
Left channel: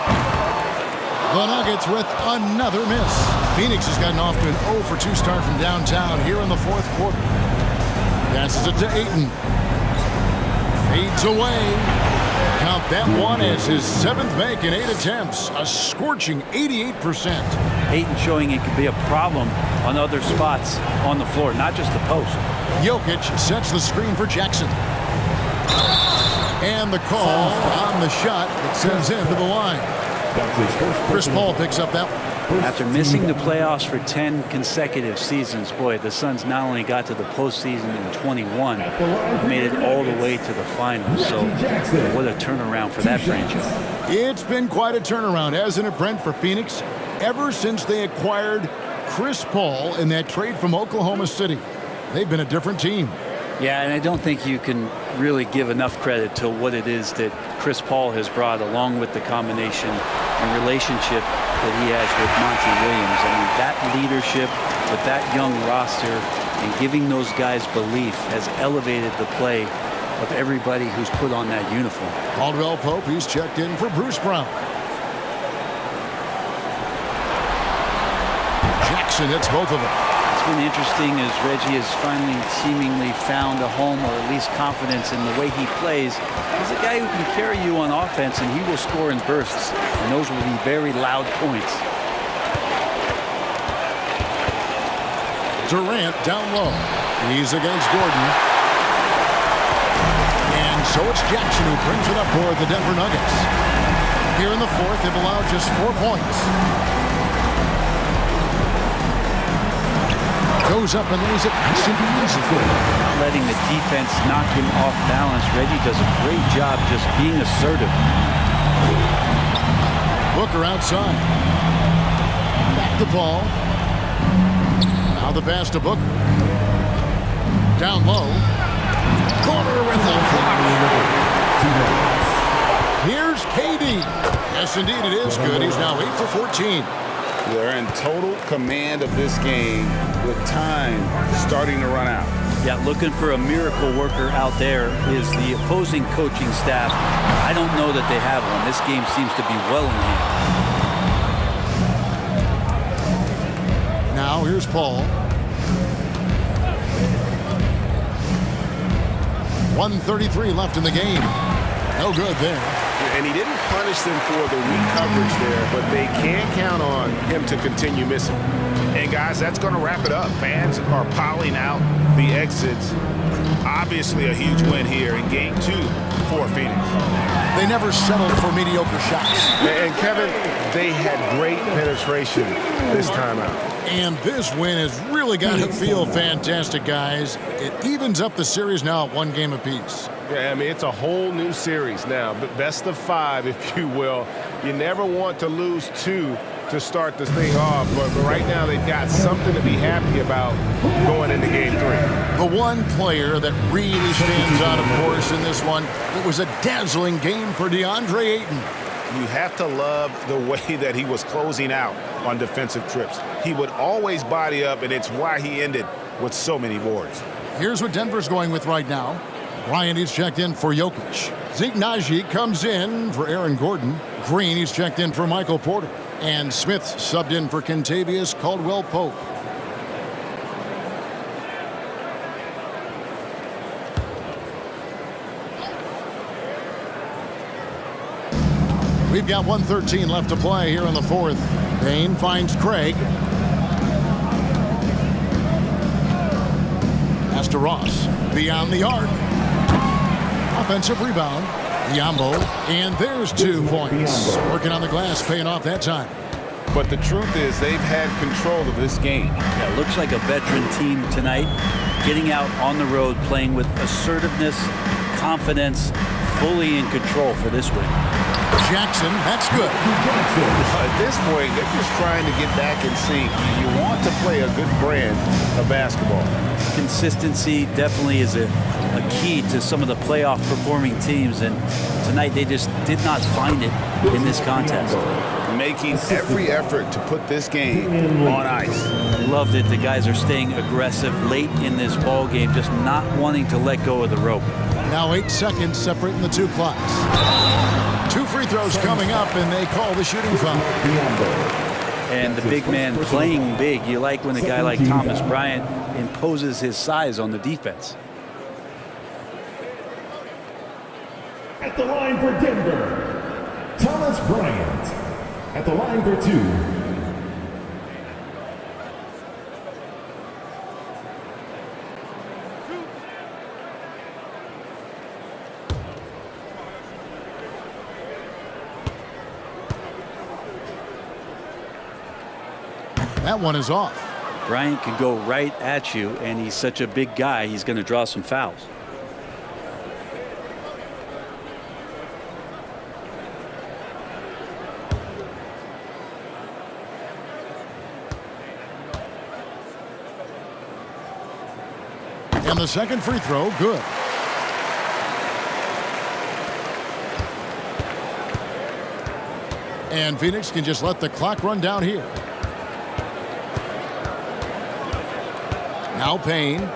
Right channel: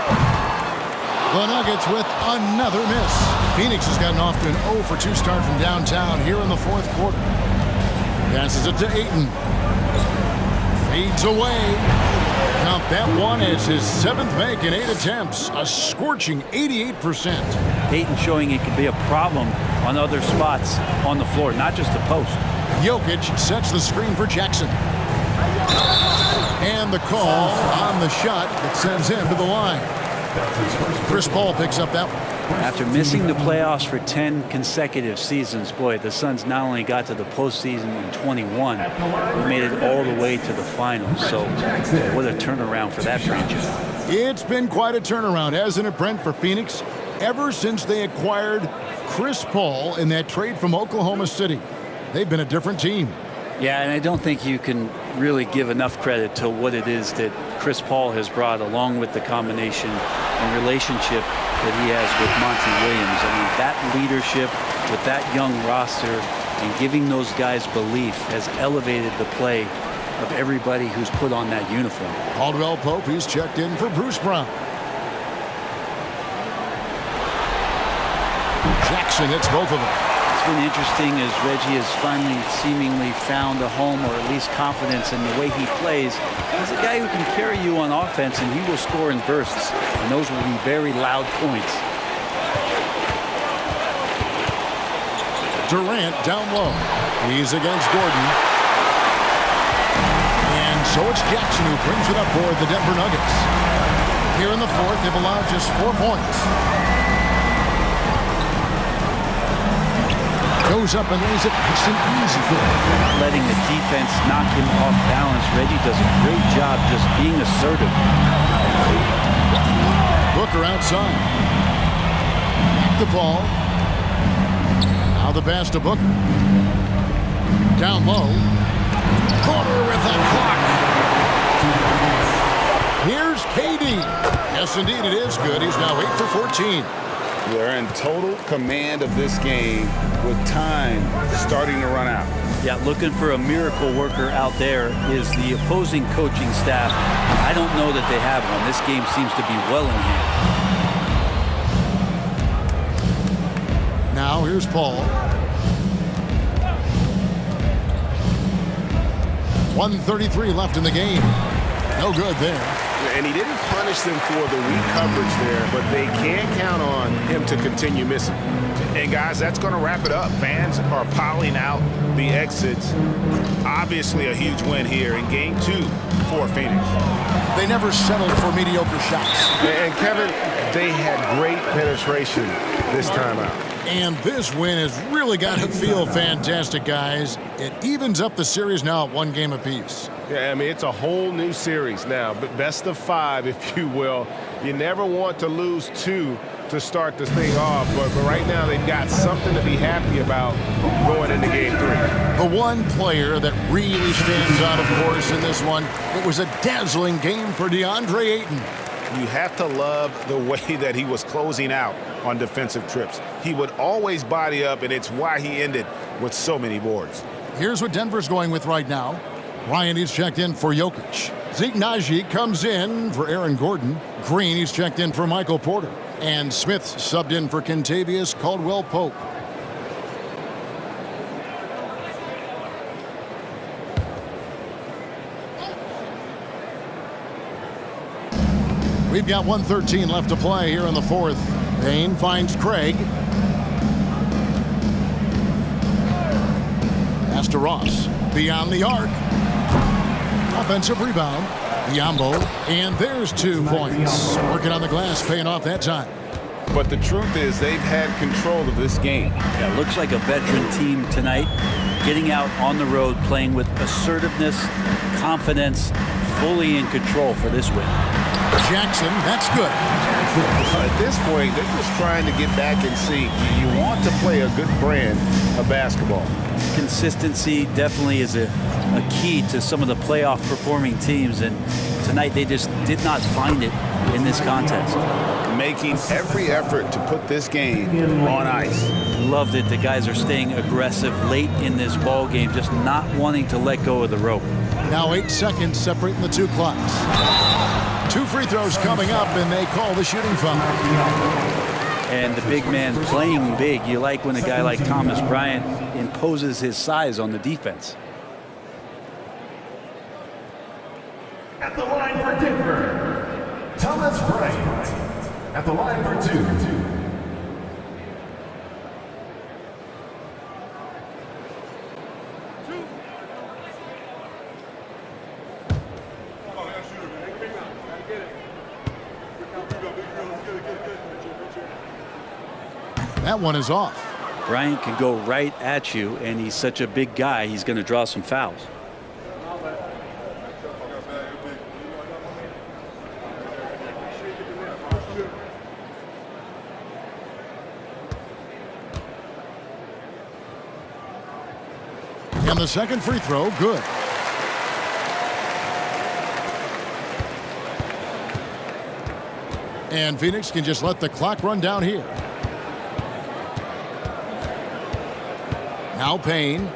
The Nuggets with another miss. Phoenix has gotten off to an 0 for 2 start from downtown here in the 4th quarter. Passes it to Ayton. Fades away. Count that one as his 7th make in 8 attempts. A scorching 88%. Ayton showing it can be a problem on other spots on the floor, not just the post. Jokic sets the screen for Jackson. And the call on the shot that sends him to the line. Chris Paul picks up that one. After missing the playoffs for 10 consecutive seasons, boy, the Suns not only got to the postseason in 21, they made it all the way to the finals. So what a turnaround for that franchise. It's been quite a turnaround, hasn't it, Brent, for Phoenix? Ever since they acquired Chris Paul in that trade from Oklahoma City, they've been a different team. Yeah, and I don't think you can really give enough credit to what it is that Chris Paul has brought, along with the combination and relationship that he has with Monty Williams. I mean, that leadership with that young roster and giving those guys belief has elevated the play of everybody who's put on that uniform. Caldwell Pope, he's checked in for Bruce Brown. Jackson hits both of them. It's been interesting as Reggie has finally seemingly found a home, or at least confidence in the way he plays. He's a guy who can carry you on offense, and he will score in bursts, and those will be very loud points. Durant down low. He's against Gordon. And so it's Jackson who brings it up for the Denver Nuggets. Here in the 4th, they've allowed just 4 points. Goes up and lays it nice and easy. Not letting the defense knock him off balance. Reggie does a great job just being assertive. Booker outside. Back to Paul. Now the pass to Booker. Down low. Corner with a block. Here's KD. Yes, indeed, it is good. He's now 8 for 14. They're in total command of this game with time starting to run out. Yeah, looking for a miracle worker out there is the opposing coaching staff. I don't know that they have one. This game seems to be well in hand. Now here's Paul. 1:33 left in the game. No good there. And he didn't punish them for the weak coverage there, but they can't count on him to continue missing. And guys, that's going to wrap it up. Fans are piling out the exits. Obviously a huge win here in game 2 for Phoenix. They never settled for mediocre shots. And Kevin, they had great penetration this time out. And this win has really got to feel fantastic, guys. It evens up the series now at 1 game apiece. Yeah, I mean, it's a whole new series now, but best of 5, if you will. You never want to lose 2 to start this thing off, but right now they've got something to be happy about going into game 3. The one player that really stands out, of course, in this one, it was a dazzling game for DeAndre Ayton. You have to love the way that he was closing out on defensive trips. He would always body up, and it's why he ended with so many boards. Here's what Denver's going with right now. Ryan is checked in for Jokic. Zeke Naji comes in for Aaron Gordon. Green is checked in for Michael Porter. And Smith subbed in for Kentavious Caldwell-Pope. We've got 1:13 left to play here in the 4th. Payne finds Craig. Pass to Ross. Beyond the arc. Offensive rebound. Yambo. And there's 2 points. Working on the glass, paying off that time. But the truth is they've had control of this game. Yeah, looks like a veteran team tonight. Getting out on the road, playing with assertiveness, confidence, fully in control for this win. Jackson, that's good. At this point, they're just trying to get back in sync. You want to play a good brand of basketball. Consistency definitely is a key to some of the playoff performing teams, and tonight they just did not find it in this contest. Making every effort to put this game on ice. Loved it. The guys are staying aggressive late in this ball game, just not wanting to let go of the rope. Now 8 seconds separating the 2 clocks. 2 free throws coming up, and they call the shooting foul. And the big man playing big. You like when a guy like Thomas Bryant imposes his size on the defense. At the line for Denver, Thomas Bryant. At the line for 2. That one is off. Bryant can go right at you, and he's such a big guy, he's going to draw some fouls. And the second free throw, good. And Phoenix can just let the clock run down here. Now Payne.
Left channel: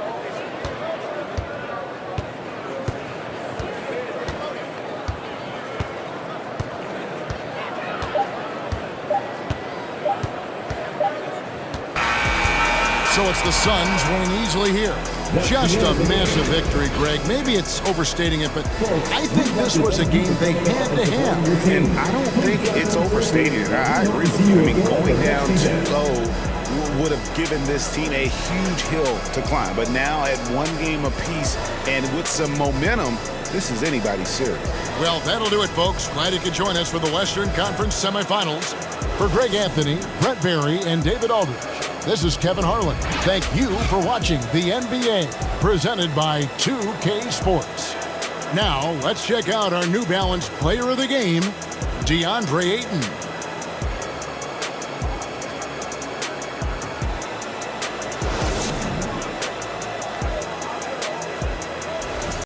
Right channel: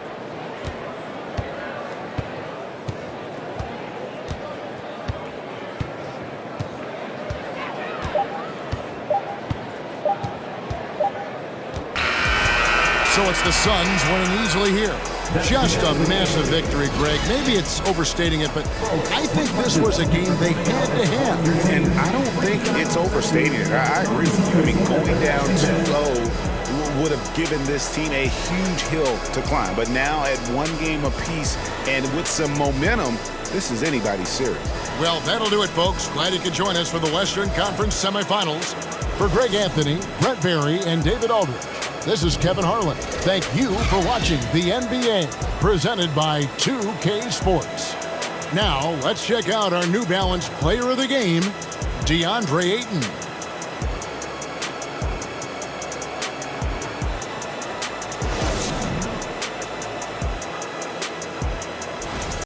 So it's the Suns winning easily here. Just a massive victory, Greg. Maybe it's overstating it, but I think this was a game they had to have. And I don't think it's overstating it. I agree with you. I mean, going down 2-0 would have given this team a huge hill to climb. But now at 1 game apiece and with some momentum, this is anybody's series. Well, that'll do it, folks. Glad you could join us for the Western Conference semifinals. For Greg Anthony, Brett Barry, and David Aldridge, This is Kevin Harlan. Thank you for watching the NBA, presented by 2K Sports. Now, let's check out our New Balance Player of the Game, DeAndre Ayton.